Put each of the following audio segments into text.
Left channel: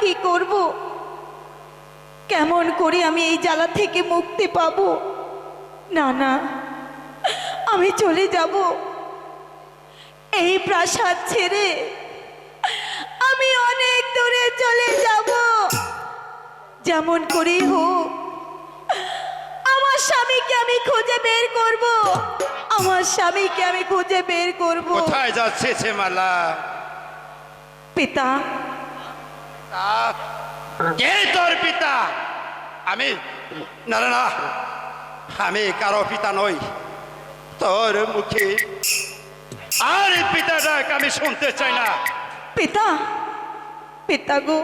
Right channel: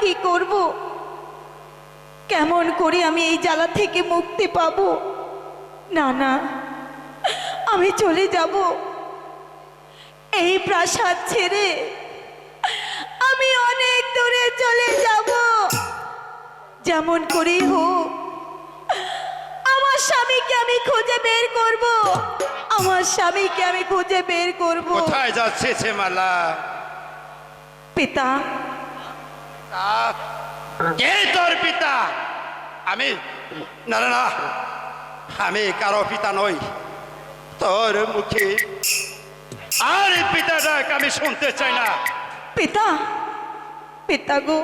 কি করব? কেমন করে আমি এই জ্বালা থেকে মুক্তি পাব? না না, আমি চলে যাব। এই প্রাসাদ ছেড়ে আমি অনেক দূরে চলে যাব। যেমন করে হোক আমার স্বামীকে আমি খুঁজে বের করব। আমার স্বামীকে আমি খুঁজে বের করব। কোথায় যাচ্ছে সে মালা? পিতা, কে তোর পিতা? আমি না না না, আমি কারো পিতা নই। তোর মুখে আর পিতা ডাক আমি শুনতে চাই না। পিতা, পিতা গো,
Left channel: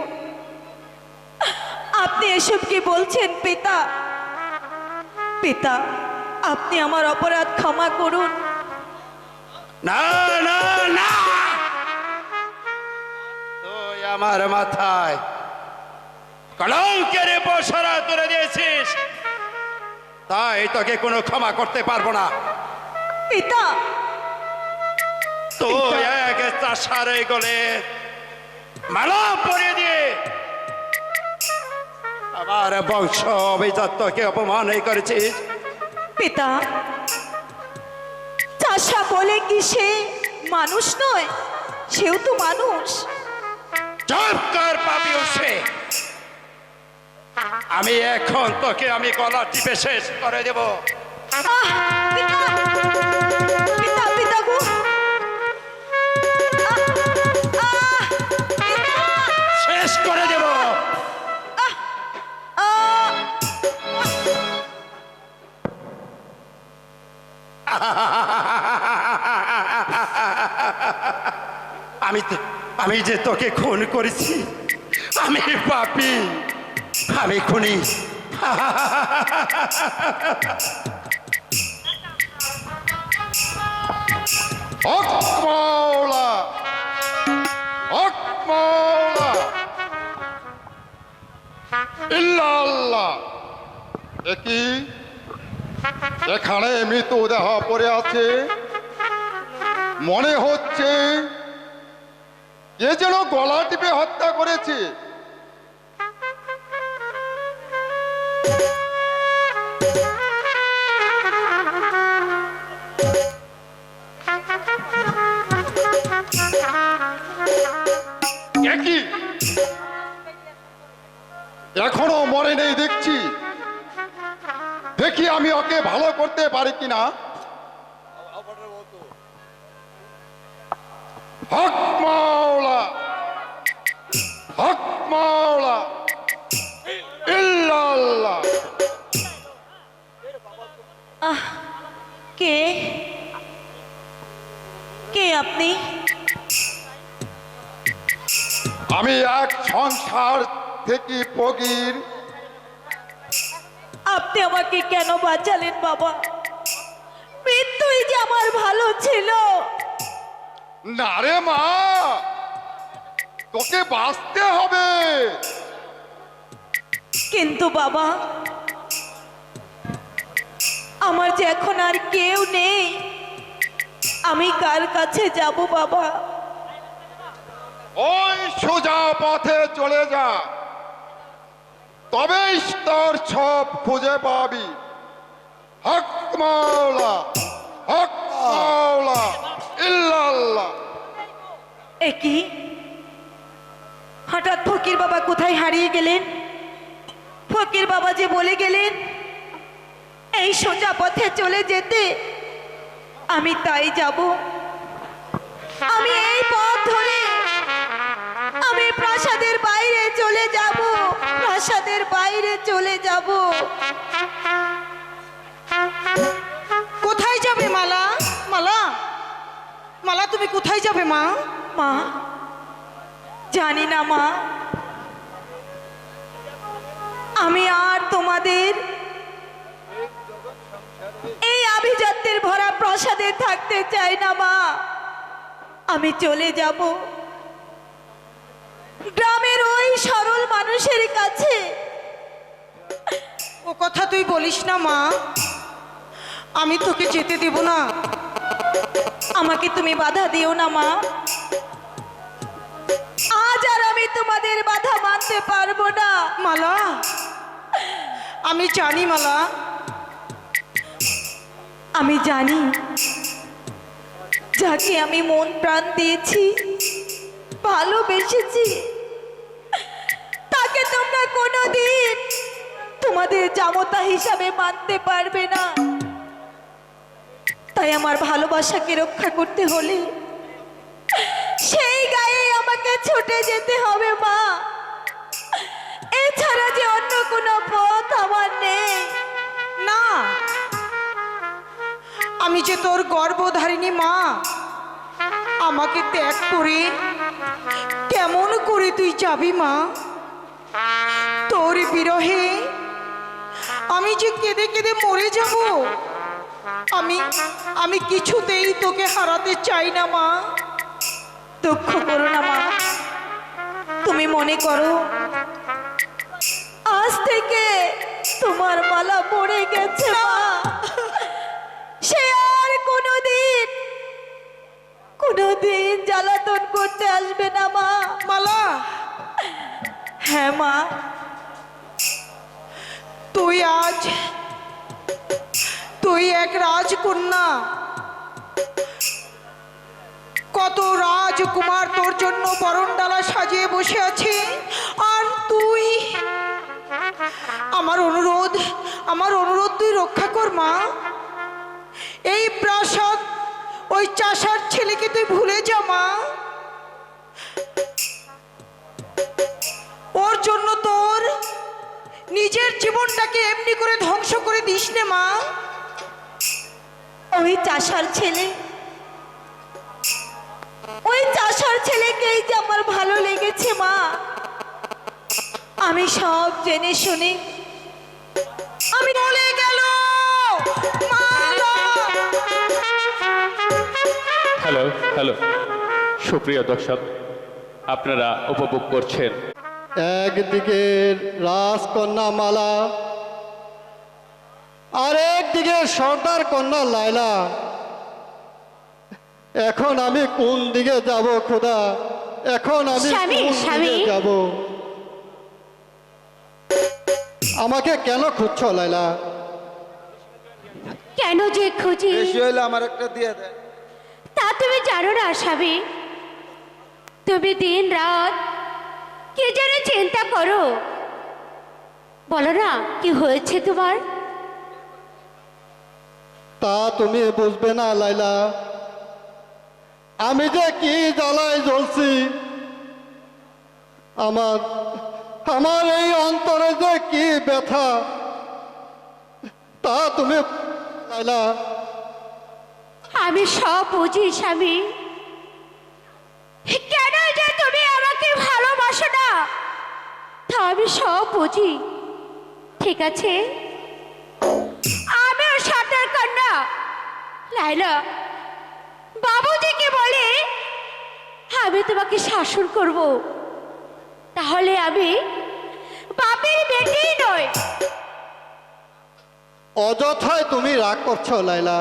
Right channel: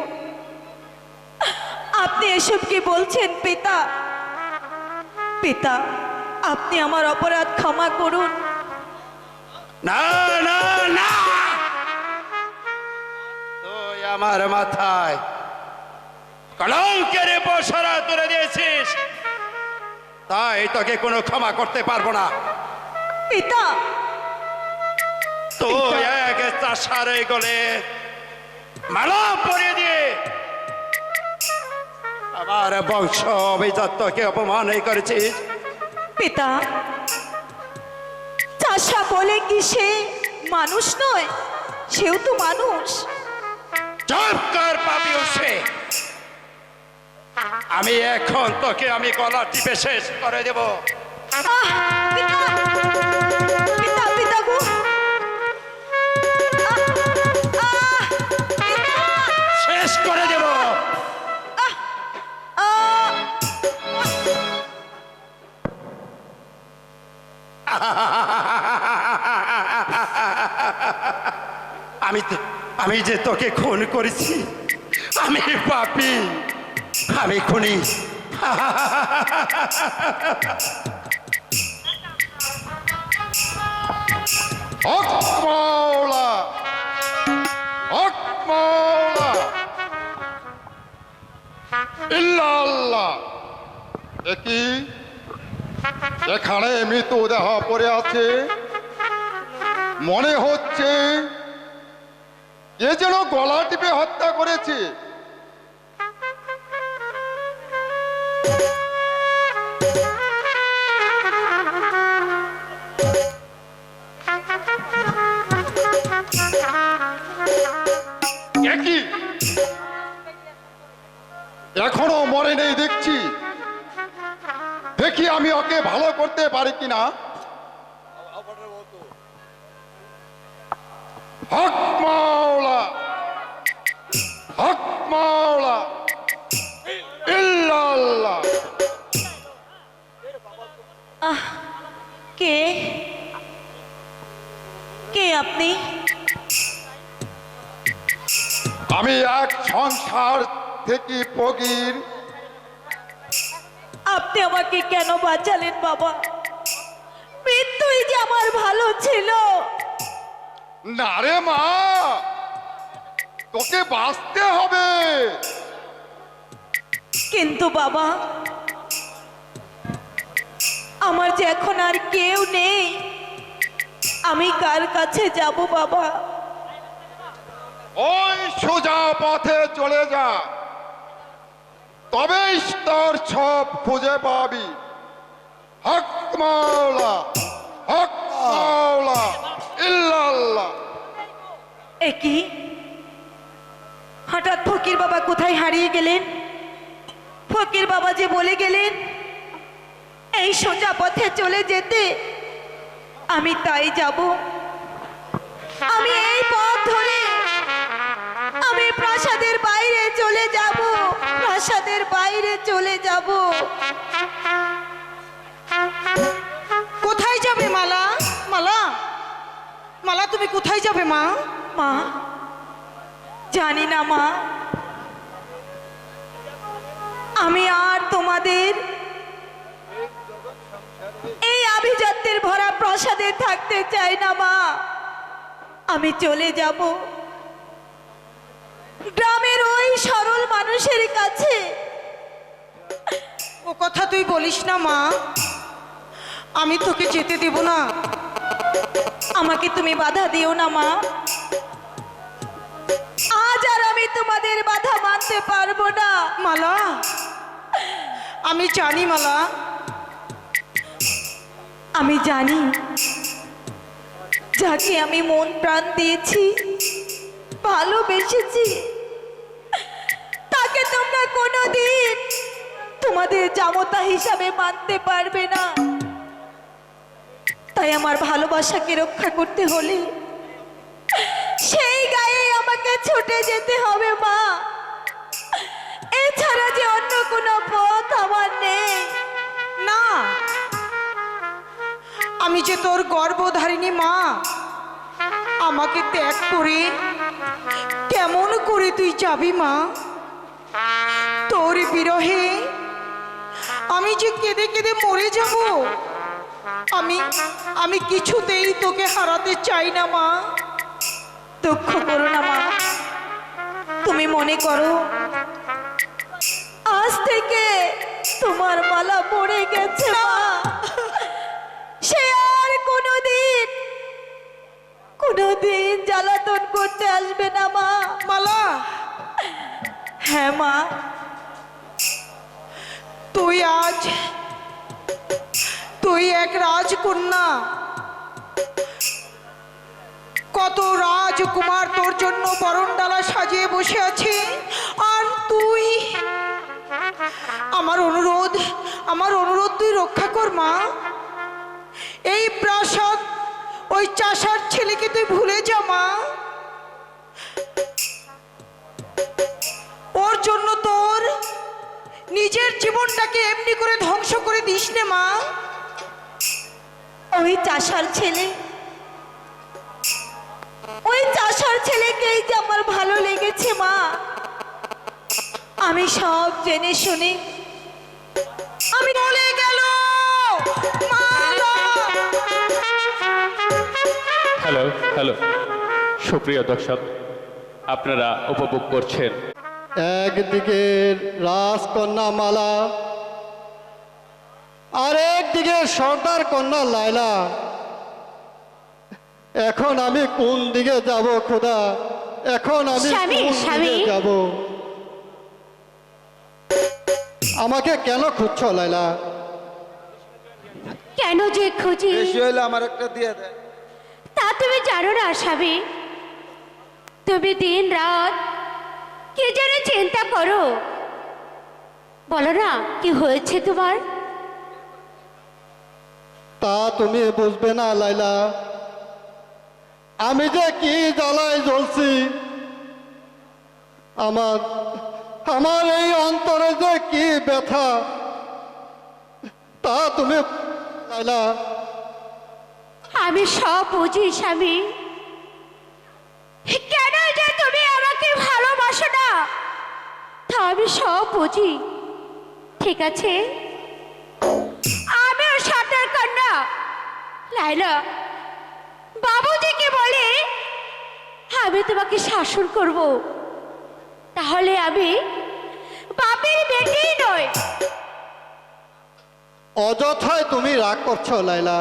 আপনি এসব কি বলছেন পিতা? পিতা, আপনি আমার অপরাধ ক্ষমা করুন। না না না, তুই আমার মাথায় কলঙ্কের বসরা তুলে দিয়েছিস, তাই তোকে কোনো ক্ষমা করতে পারবো না। পিতা, তুই এক চাষারে গলে মালা পরিয়ে দিয়ে আমার বংশ অভিজাতকে অপমান করেছিস। পিতা, চাষা বলে কি সে মানুষ নয়? সেও তো মানুষ। চুপ কর পাপী সে। আমি এখন তোকে আমি গলা টিপে শেষ করে দেব। আহ, পিতা, পিতা, পিতা গো, পিতা, শেষ করে দেব। আহ, আমি যে তোকে খুন করেছি, আমি পাপী, আমি খুনি। হক মাওলা, হক মাওলা, ইল্লাল্লাহ। দেখি এখানে মৃতদেহ পড়ে আছে, মনে হচ্ছে কে যেন গলা টিপে হত্যা করেছে। একই এখনো মরে নেই দেখছি। দেখি আমি ওকে ভালো করতে পারি কিনা। হক মাওলা, হক মাওলা, ইল্লাল্লাহ। কে কে আপনি? আমি এক সংসার থেকে ফকির। আপনি আমাকে কেন বাঁচালেন বাবা? মৃত্যুই যে আমার ভালো ছিল। না রে মা, তোকে বাঁচতে হবে। কিন্তু বাবা, আমার যে এখন আর কেউ নেই, আমি কার কাছে যাব বাবা? ওই সোজা পথে চলে যা, তবেই তোর সব খুঁজে পাবি। হক মাওলা, হক মাওলা, ইল্লাল্লাহ। একই হঠাৎ ফকির বাবা কোথায় হারিয়ে গেলেন? ফকির বাবা যে বলে গেলেন এই সোজা পথে চলে যেতে, আমি তাই যাব। আমি এই পথ ধরে আমি প্রাসাদের বাইরে চলে যাব, প্রাসাদের বাইরে চলে যাব। কোথায় যাবে মালা? মালা, মালা, তুমি কোথায় যাবে মা? মা, জানি না মা, আমি আর তোমাদের এই আভিজাত্যের ভরা প্রাসাদে থাকতে চাই না মা। আমি চলে যাব গ্রামের ওই সরল মানুষের কাছে। ও কথা তুই বলিস না মা, আমি তোকে যেতে দেব না। আমাকে তুমি বাধা দিও না মা। আজ আর আমি তোমাদের বাধা মানতে পারবো না। মালা, আমি জানি মালা, আমি জানি যাকে আমি মন প্রাণ দিয়েছি, ভালোবেসেছি, তাকে তোমরা কোনোদিন তোমাদের জামতা হিসাবে মানতে পারবে না। তাই আমার ভালোবাসাকে রক্ষা করতে হলে সেই গায়ে আমাকে ছুটে যেতে হবে মা। এছাড়া যে অন্য কোনো পথ আমার নেই। না, আমি যে তোর গর্ভধারিণী মা, আমাকে ত্যাগ করে কেমন করে তুই যাবি মা? তোর বিরহে আমি যে কেঁদে কেঁদে মরে যাব। আমি কিছুতেই তোকে হারাতে চাই না মা। দুঃখ করো না মা, তুমি মনে করো আজ থেকে তোমার মালা পড়ে গেছে মা। সে আর কোনোদিন জ্বালাতন করতে আসবে না মা। মালা, হ্যাঁ মা, তুই এক রাজকন্যা। কত রাজকুমার তোর জন্য বরণডালা সাজিয়ে বসে আছে, আর তুই আমার অনুরোধ তুই রক্ষা কর মা। এই প্রাসাদ ওই চাষার ছেলেকে তুই ভুলে যা মা। ওর জন্য তোর নিজের জীবনটাকে এমনি করে ধ্বংস করে দিস নে মা। ওই চাষার ছেলেকেই যে আমার ভালো লেগেছে মা। আমি সব জেনে শুনে আমি বলে গেল মালা। হ্যালো হ্যালো, সুপ্রিয় দর্শক, আপনারা উপভোগ করছেন একদিকে রাজকন্যা মালা, আর একদিকে সর্দার কন্যা লায়লা। এখন আমি কোন দিকে যাব খোদা? এখন আমি স্বামী, কোন স্বামী। দিকে যাব? আমাকে কেন খুঁজছো লায়লা? কেন যে খুঁজি বেশি হলে আমার একটা দিয়ে দেয়। তা তুমি জানো না স্বামী। তুমি দিন রাত কি যেন চিন্তা করো। বলো না কি হয়েছে তোমার? তা তুমি বুঝবে না লায়লা, আমি যে কি জ্বালায় জ্বলছি। আমার এই অন্তরে যে কি ব্যথা, তা তুমি লায়লা। আমি সব বুঝি স্বামী। কেন যে তুমি আমাকে ভালোবাসো না তা আমি সব বুঝি। ঠিক আছে, আমিও সর্দার কন্যা লায়লা বাবুজিকে বলে আমি তোমাকে শাসন করব। তাহলে আমি বাপের বেটেই নয়। অযথায় তুমি রাগ করছো লায়লা।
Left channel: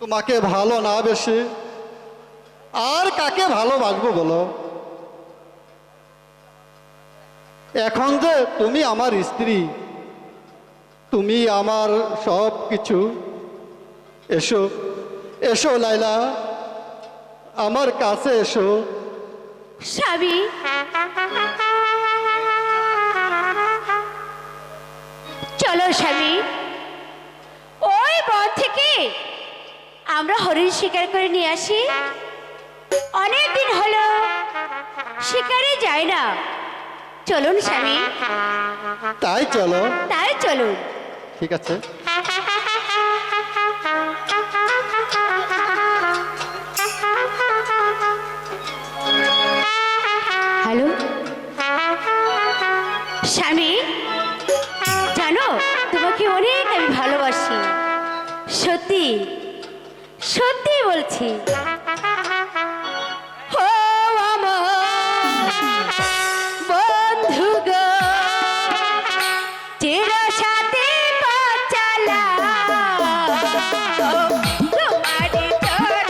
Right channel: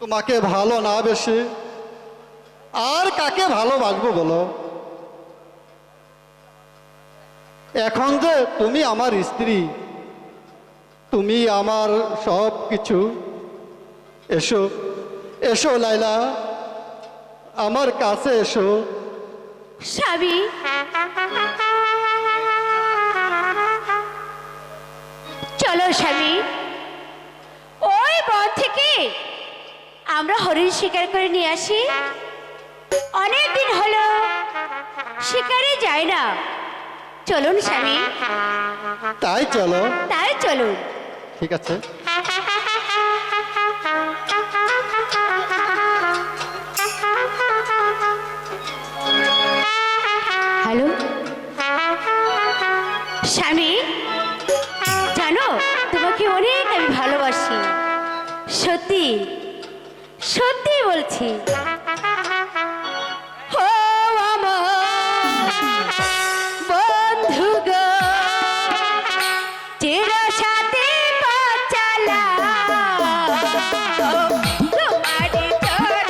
তোমাকে ভালো না বেশি আর কাকে ভালোবাসবো বলো? এখন যে তুমি আমার স্ত্রী, তুমি আমার সব কিছু। এসো এসো লায়লা, আমার কাছে এসো। স্বামী, চলো স্বামী, ওই বন থেকে আমরা হরিণ শিকার করে নিয়ে আসি। অনেক দিন হলো শিকারে যাই না। চলুন স্বামী, তাই চলো। তাই চলুন। ঠিক আছে। হ্যালো স্বামী, জানো তোমাকে অনেক আমি ভালোবাসি। সত্যি সত্যি বলছি। ও আমার বন্ধু গো, চির সাথে পথ চালা, তোমারই চরণ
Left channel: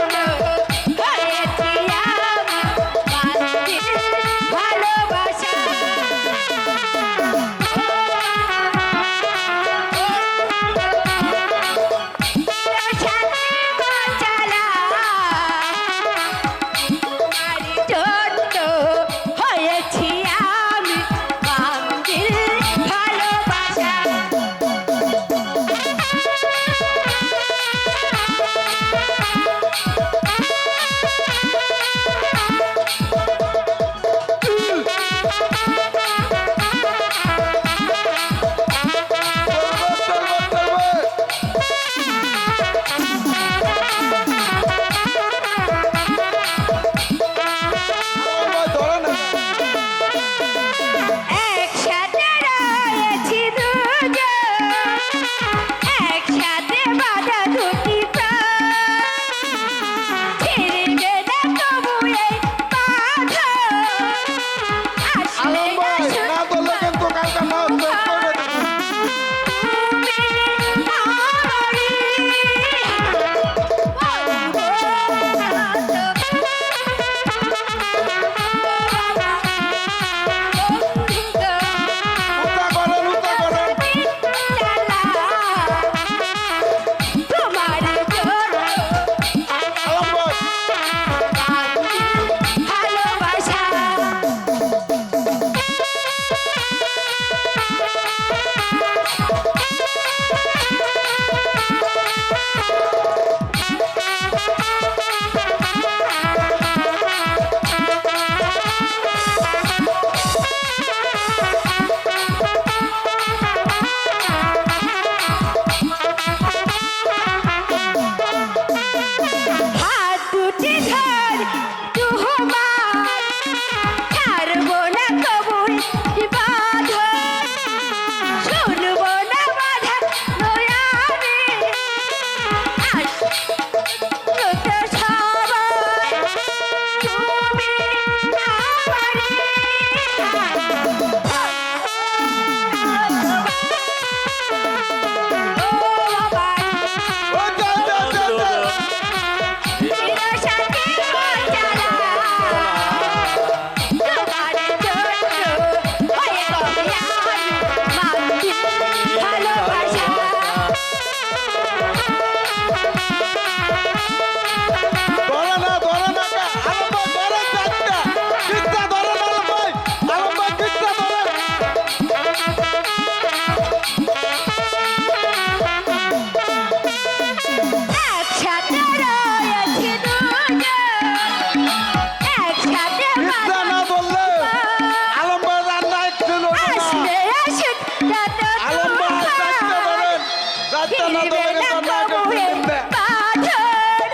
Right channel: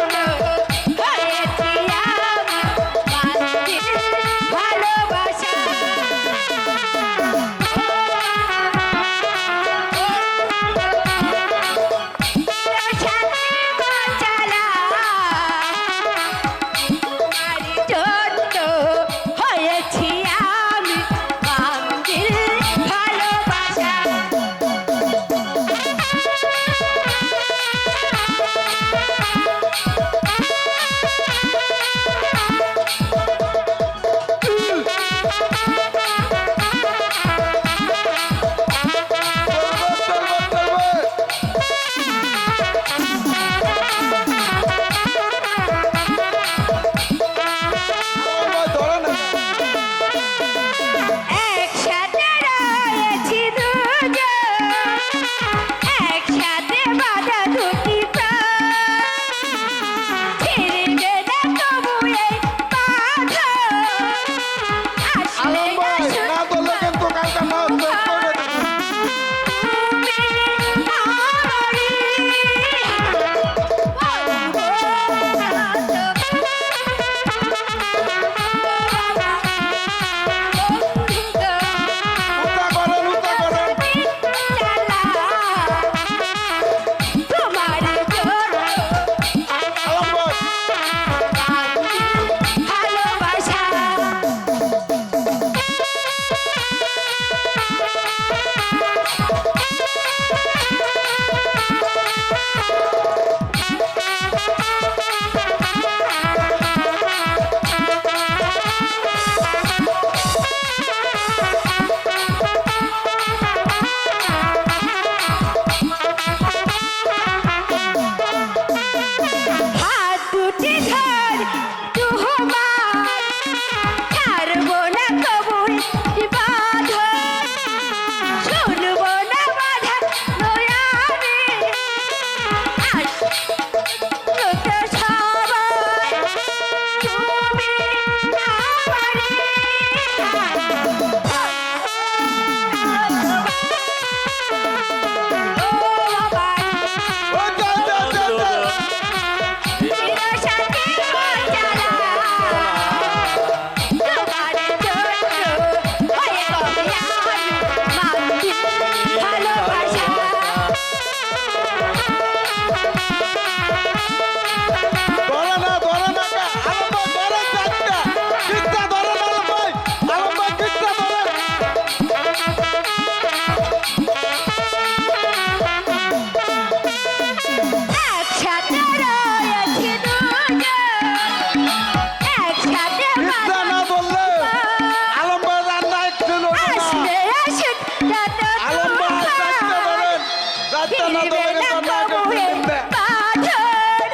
না দিবে তোমাকে না তোমাকে কবুলে দিবে। পাথর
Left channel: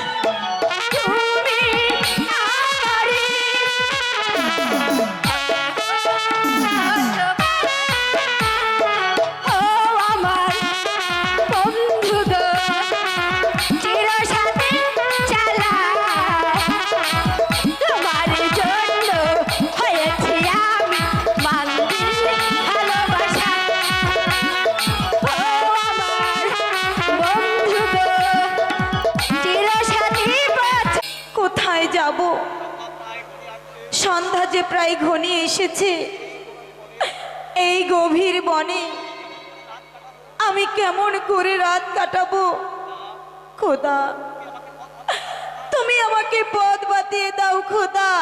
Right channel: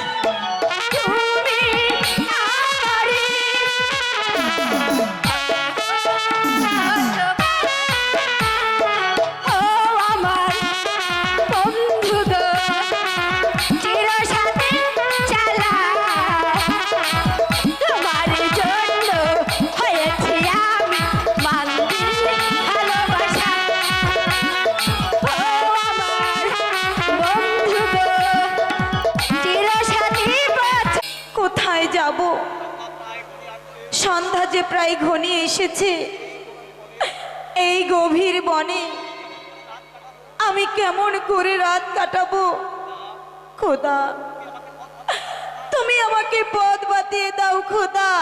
তুমি আমারে ও আমার বন্ধু গো চির সাথে চালা তোমার জন্য হয়েছি আমি মান্দির ভালোবাসা ও আমার বন্ধু গো চির সাথী কোথায় যাব? সন্ধ্যা যে প্রায় ঘনিয়ে এসেছে। এই গভীর বনে আমি কেমন করে রাত কাটাবো? খোদা, তুমি আমাকে পথ বাতিয়ে দাও। খোদা,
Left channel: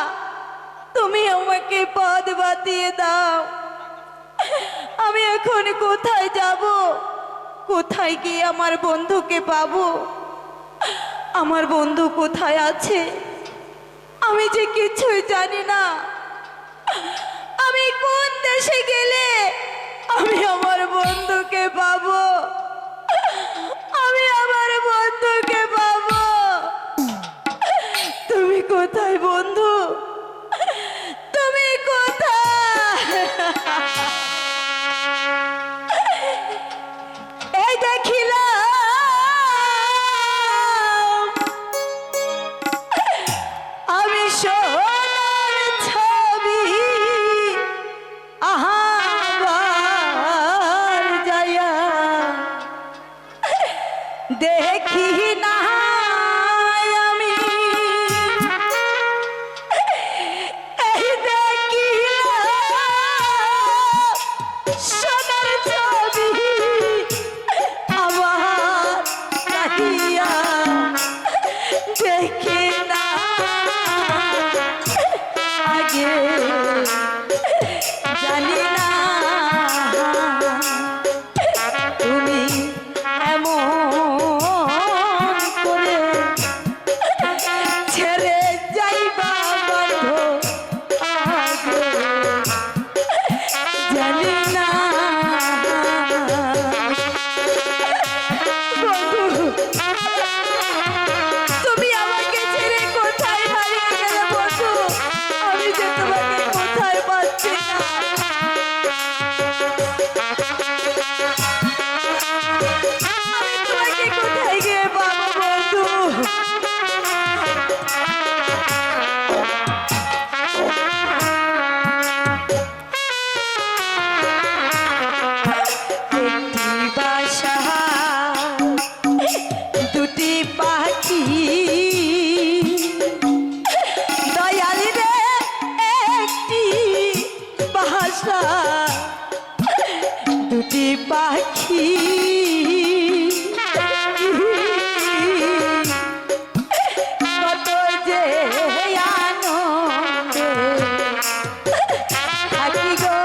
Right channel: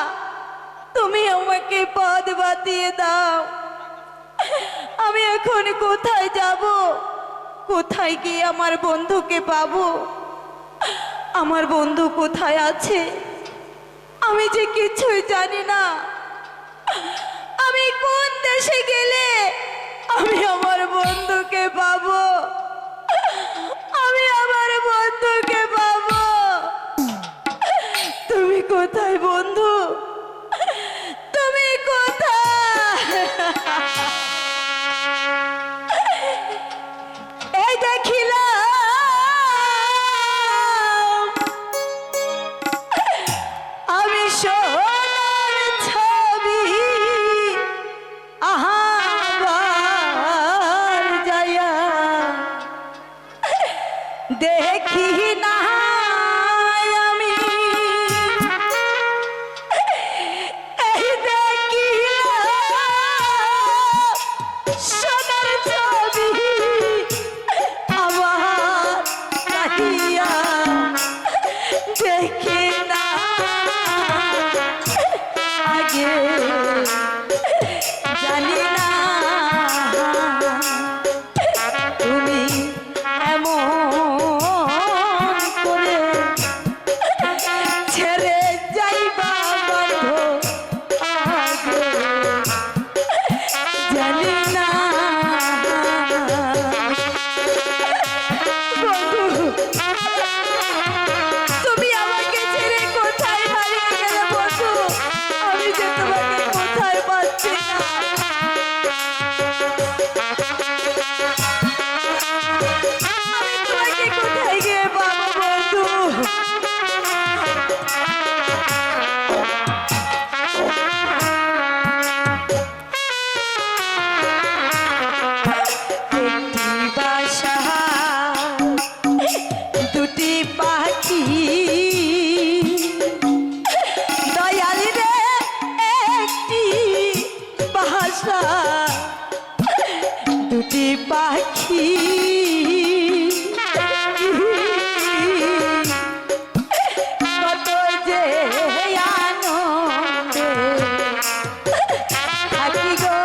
তুমি আমাকে পথ বাতিয়ে দাও। আমি এখন কোথায় যাব? কোথায় গিয়ে আমার বন্ধুকে পাবো? আমার বন্ধু কোথায় আছে? আমি যে কিছুই জানি না। আমি কোন দেশে গেলে আমি আমার বন্ধুকে পাবো? আমি আমার বন্ধুকে পাবো? তুমি কোথায় বন্ধু? তুমি কোথায়? এই দেখিলাম আমি সোনার ছবি, আহাবার যাইয়া দেখি না আমি। এই দেখিলাম সোনার ছবি আমার চাহিয়া দেখি না আগে জানি না তুমি এমন করে ছেড়ে যাইবা বন্ধ আগে জানি না। বন্ধু, তুমি আমাকে ছেড়ে কোথায় হারিয়ে গেলে বন্ধু? আমি যে তোমাকে কোথায় পাচ্ছি না। আমি তোমাকে কোথায় গিয়ে পাবো বন্ধু? একটি বাসা দুটি পাখি দয়াল রে, একটি বাসা দুটি পাখি কত যে আনন্দে থাকি গো।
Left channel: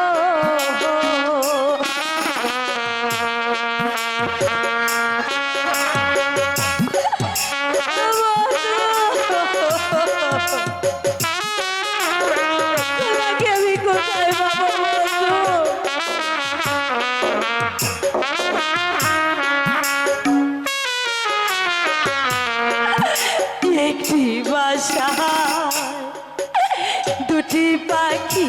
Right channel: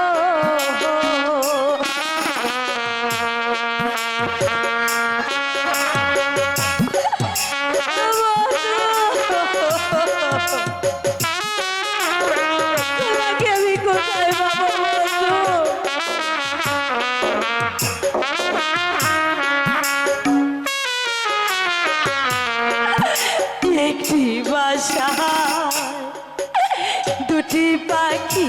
তোমাকে আমি কোথায় পাবো বন্ধু? একটি বাসা দুটি পাখি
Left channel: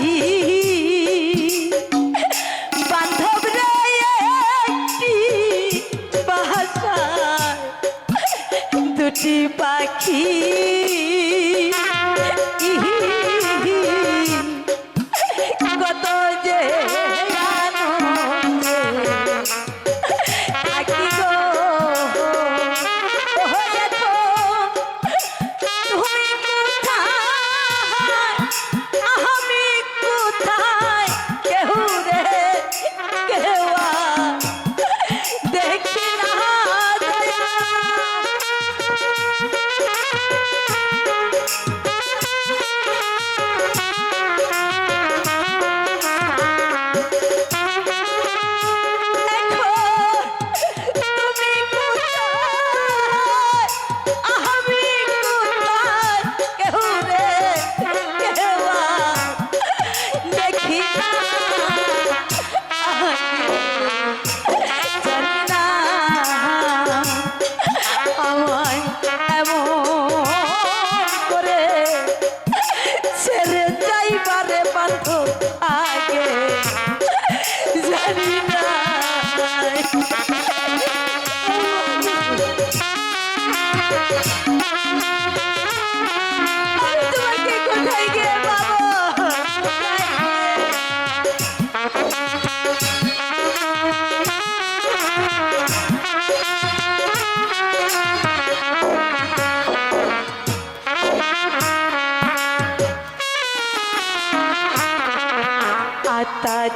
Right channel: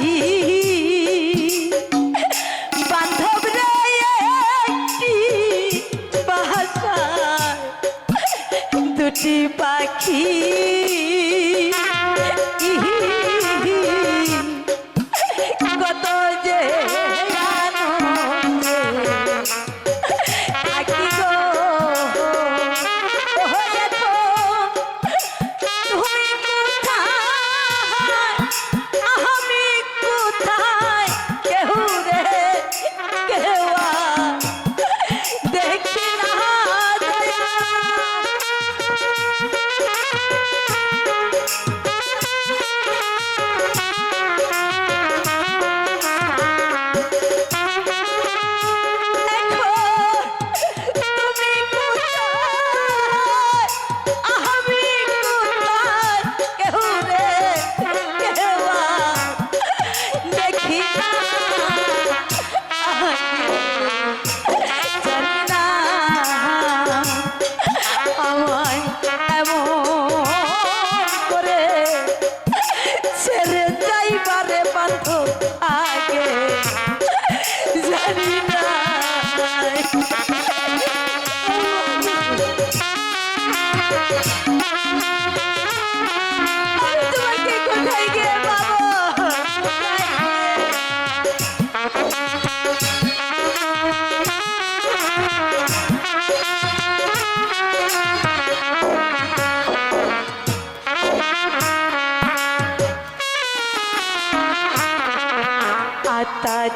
বান্ধব রে, একটি বাসা দুটি পাখি কত যে আনন্দে থাকি গো। ও দেখো তুমি কোথায়, আমি কোথায়, কেউ রে কেউ আর দেখি না দয়া।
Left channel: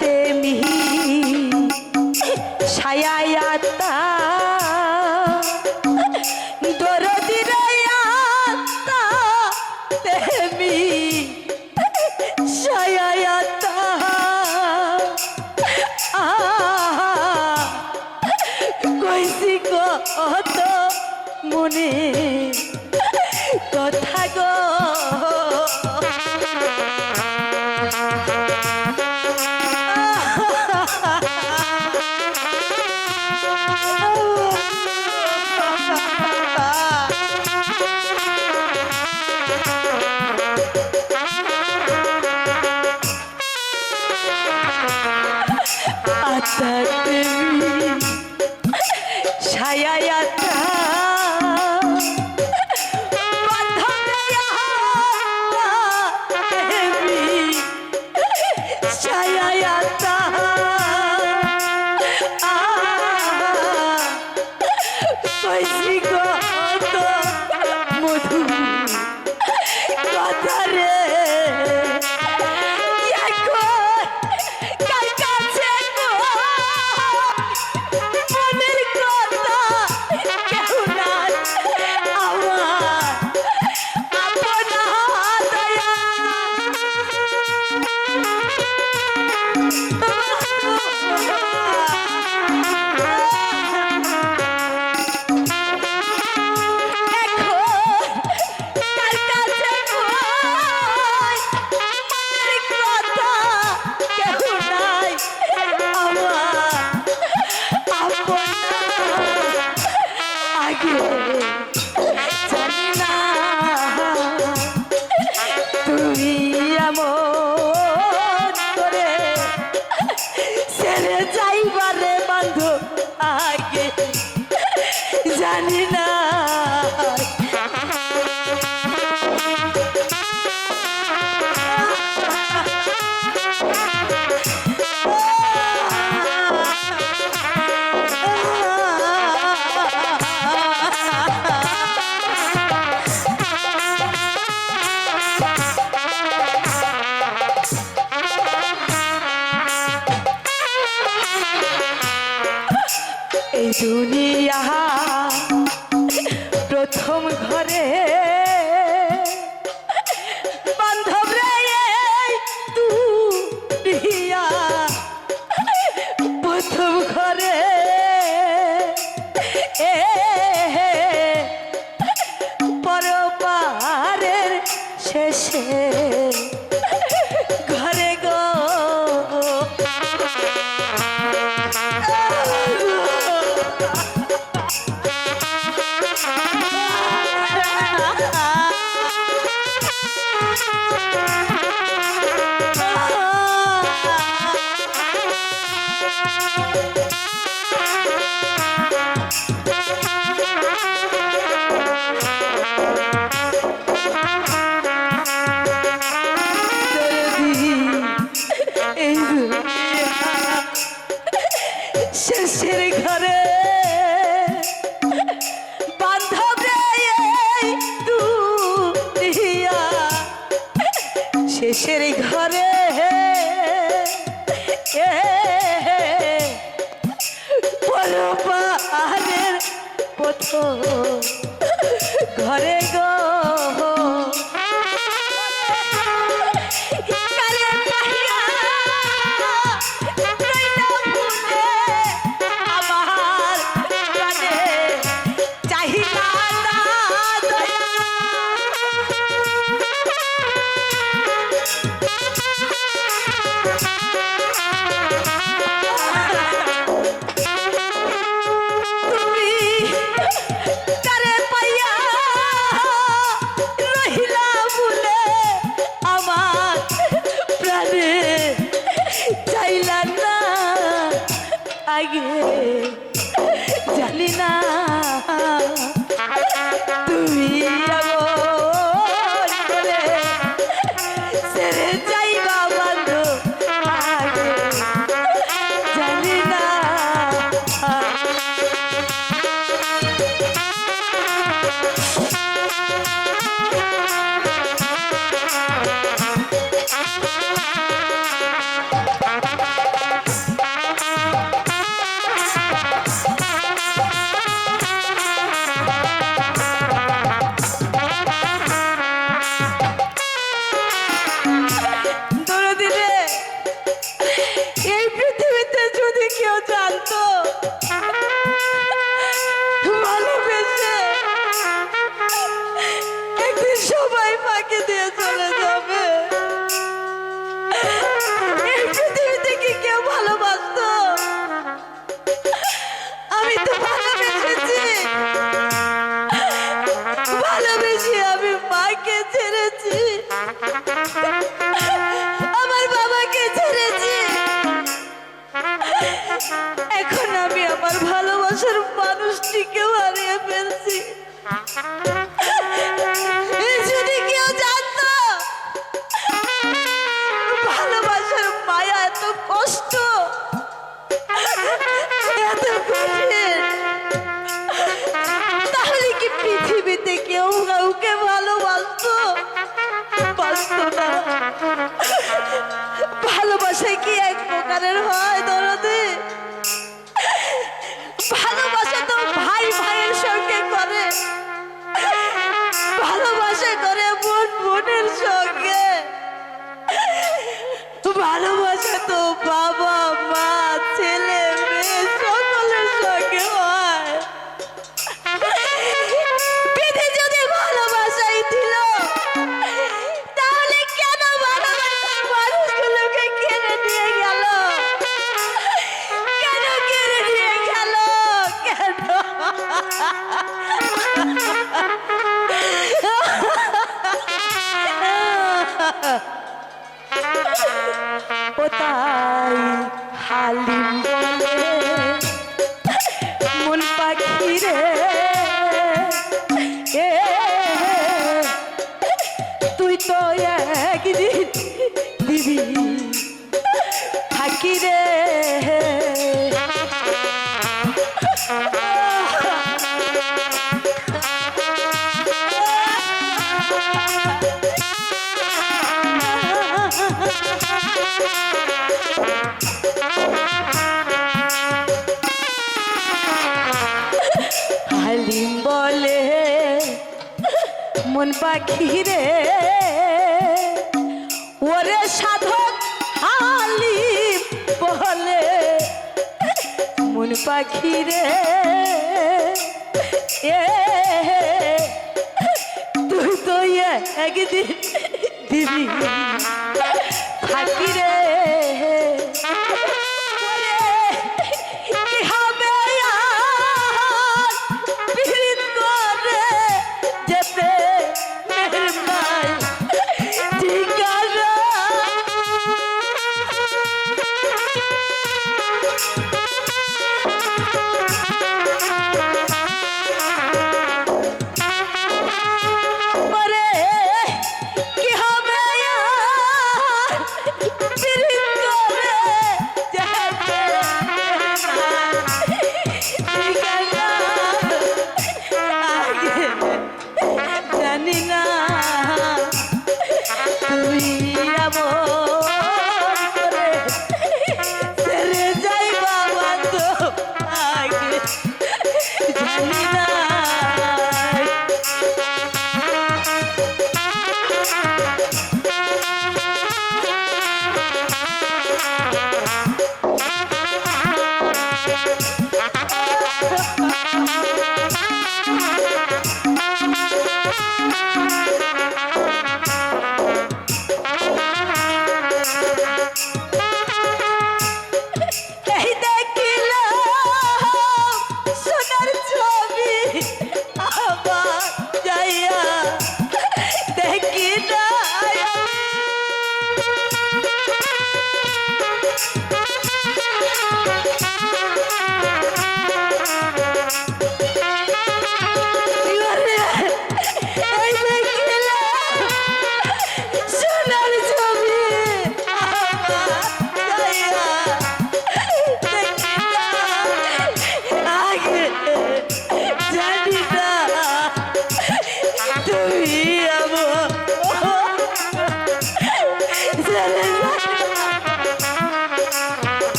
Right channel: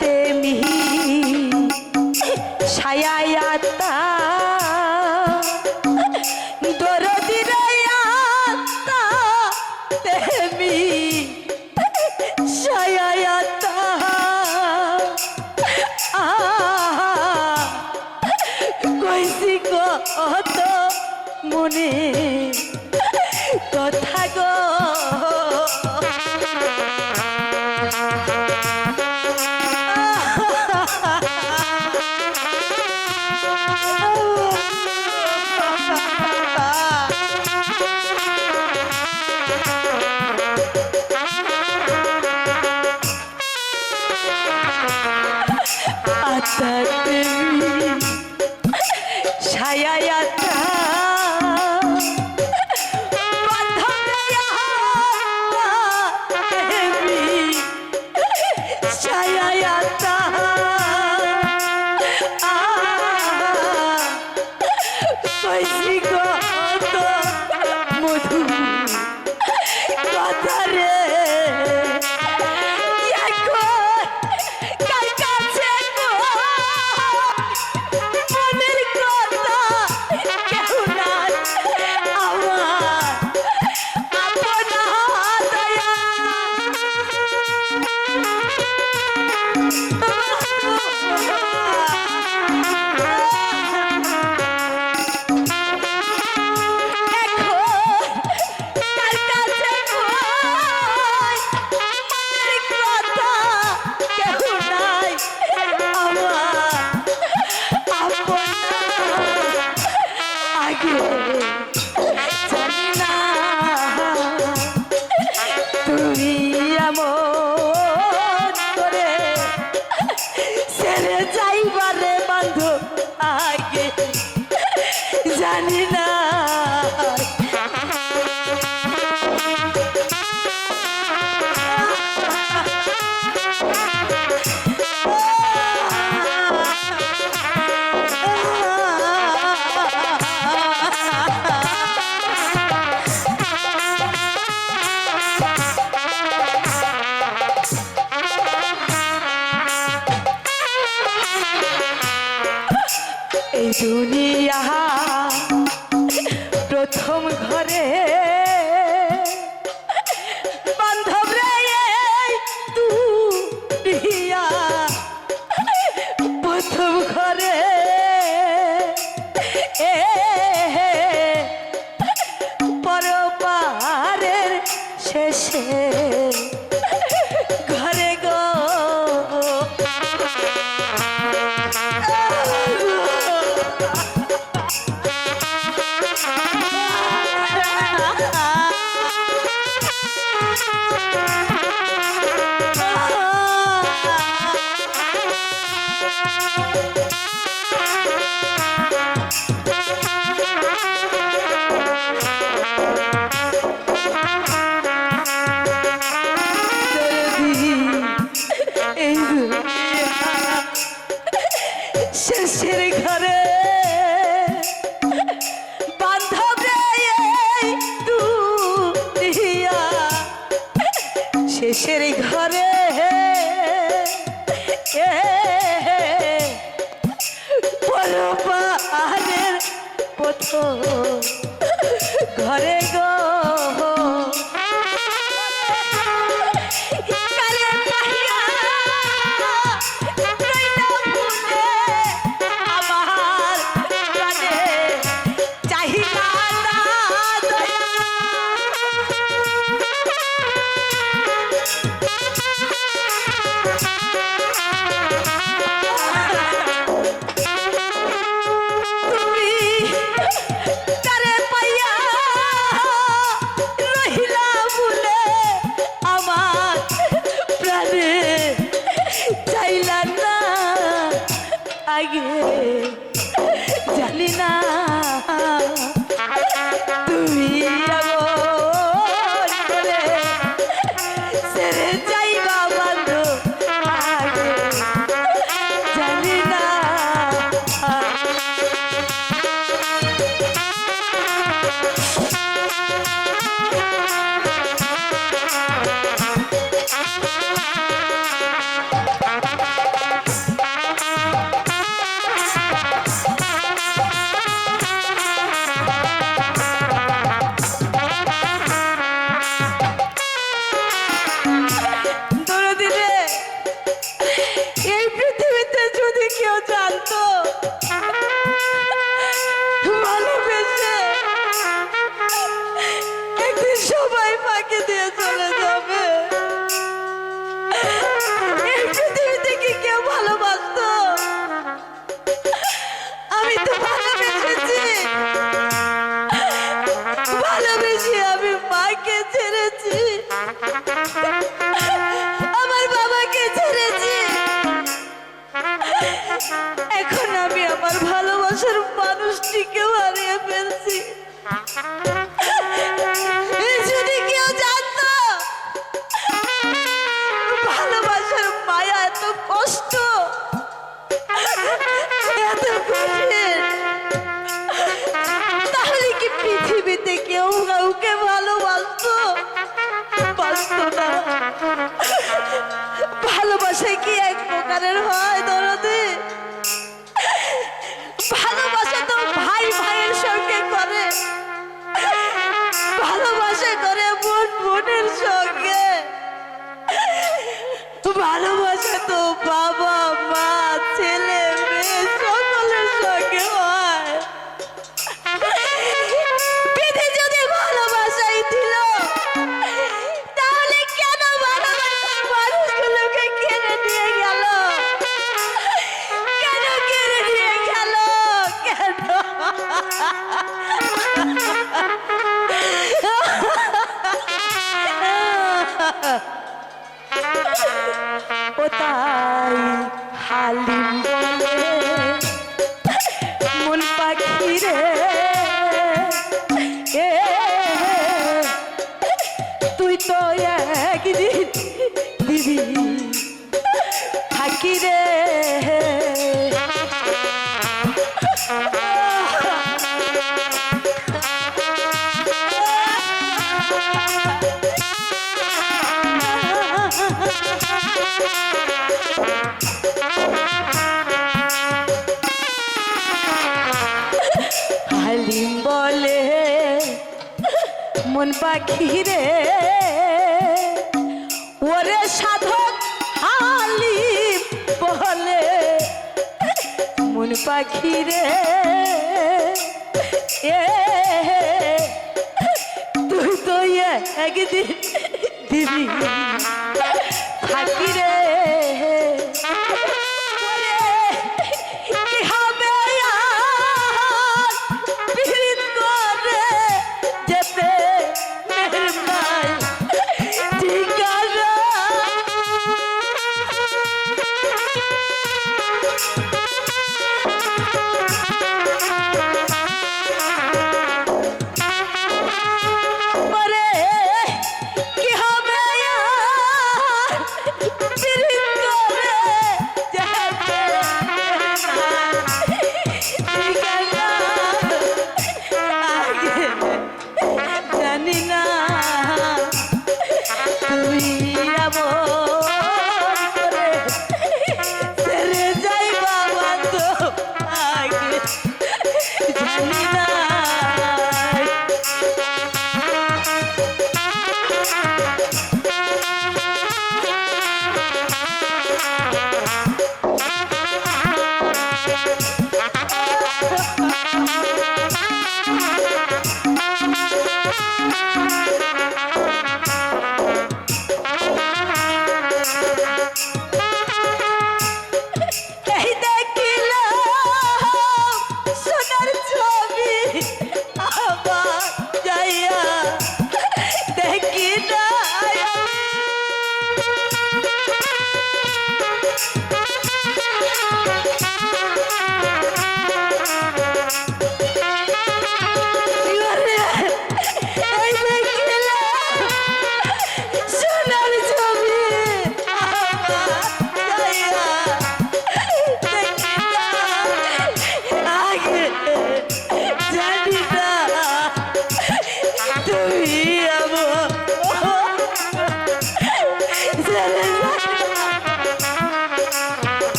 তেমি ছায়ায়াতা দরদিরে আতা তেমি ছায়ায়াতা কইছি কত মনে কথা গো আতা তেমি ছায়ায়াতা বান্ধবে আতা তেমি ছায়ায়াতা কইছি কত মধু কথা রে তুমি এমন করে ছেড়ে যাইবারে বান্ধব আগে জানি না এই দুনিয়া প্রথম ঘরে বান্ধব রে দুনিয়া প্রথম ঘরে পরপারের শেষে ঘরে গো শেষের ঘরে বান্ধব রে দুনিয়া শেষের ঘরে পরপারের প্রথম ঘরে গো আগে জানি না তুমি এমন করে ছেড়ে যাইবা বান্ধব আগে জানি না এই পৃথিবীতে যদি কেউ জানতো ভালোবেসে একদিন সবাই ফাঁকি দিয়ে চলে যাবে, এই পৃথিবীতে কি কেউ ভালোবাসতো? আমি তো ভালোবেসেছি, ভালোবেসে আমি মাকে ছেড়েছি, আমার বাবাকে ছেড়েছি। এখন আমি আমার ভালোবাসার মানুষটিকেও হারিয়ে ফেলছি। যদি কেউ জানতো ভালোবাসার মায়া এত কষ্ট, এত কঠিন, তাহলে কি পৃথিবীতে কেউ কাউকে ভালোবাসতো? বাসতো না। ভালোবাসা কি এক প্রকারের হয় দরদে? ভালোবাসা তো ভাই ভাইয়ের সঙ্গে করে, ভালোবাসা করে বোন বোনের সঙ্গে, ভালোবাসা তো বাবা মা ছেলে মেয়ে সকলের সঙ্গে হয়। বিধি যদি ভালোবাসাই দিল, তাহলে কেন ভালোবাসার মানুষগুলোকে কেড়ে নিয়ে গেল? কেন কেড়ে নিয়ে গেল? কেন? ও তাই হালিম বলে মন পাখি রে, এ তুই তো একদিন দিবি থাকি রে। হালিম বলে মন পাখি রে, ওরে সাধক হালিম বলে মন পাখি রে, এ তুই তো একদিন দিবি থাকি রে। ওরে কি হবে আর পীড়িত করে যেতে মেহরবাই ঠিকানা। ওরে কি হবে আর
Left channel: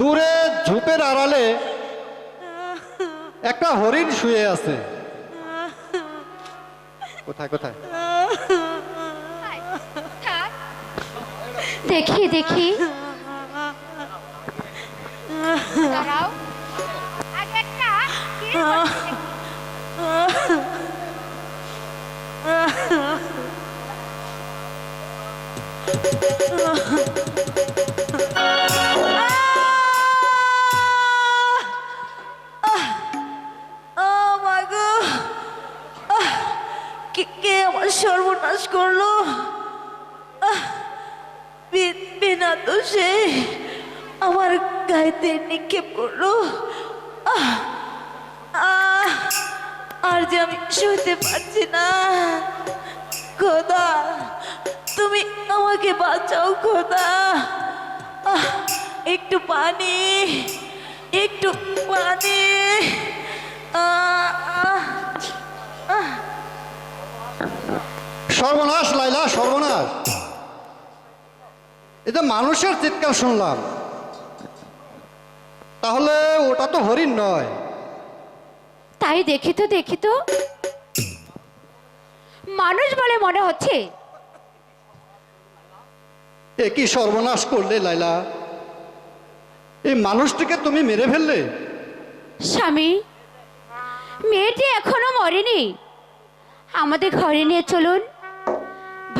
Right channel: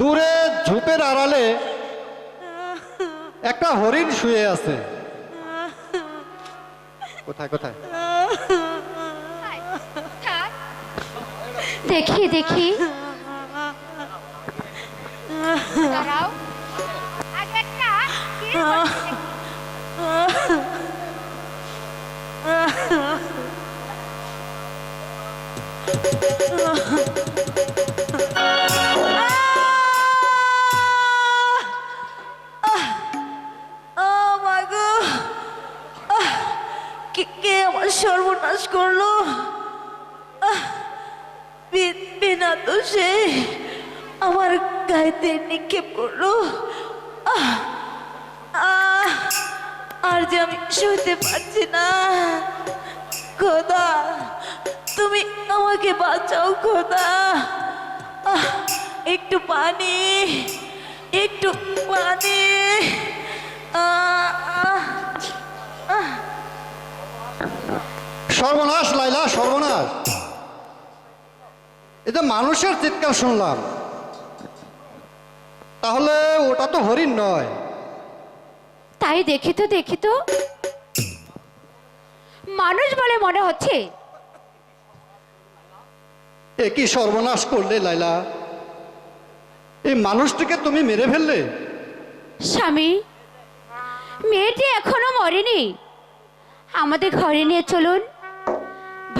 দূরে ঝোপের আড়ালে একটা হরিণ শুয়ে আছে। কোথায় কোথায়? দেখি দেখি দাঁড়াও, আগে একটা কিস করতে দেখি। মাগো, কে আমার সর্বনাশ করলো? বিনা দোষে আমার গায়েতে নিক্ষেপ করলো। আর যে আমি সইতে পারছি না। খোদা, তুমি আমাকে বাঁচাও খোদা। একটু পানি, একটু পানি। সর্বনাশ লাইলা, সর্বনাশ! এটা মানুষের চিৎকার শুনলাম, তাহলে ওটা তো হরিণ নয়। তাই দেখি তো মানুষ বলে মনে হচ্ছে। এ কি সর্বনাশ করলে লাইলা? এই মানুষটিকে তুমি মেরে ফেললে। স্বামী, মেয়েটি এখনো মরেনি। আমাদের ঘরে নিয়ে চলুন,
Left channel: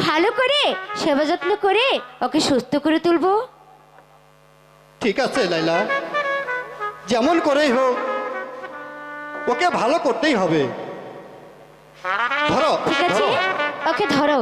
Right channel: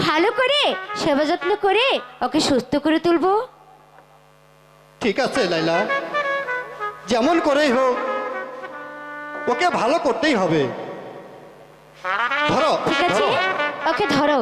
ভালো করে সেবা যত্ন করে ওকে সুস্থ করে তুলবো। ঠিক আছে লাইলা, যেমন করেই হোক ওকে ভালো করতেই হবে। ধরো ঠিক আছে, ধরো। ওকে ধরো।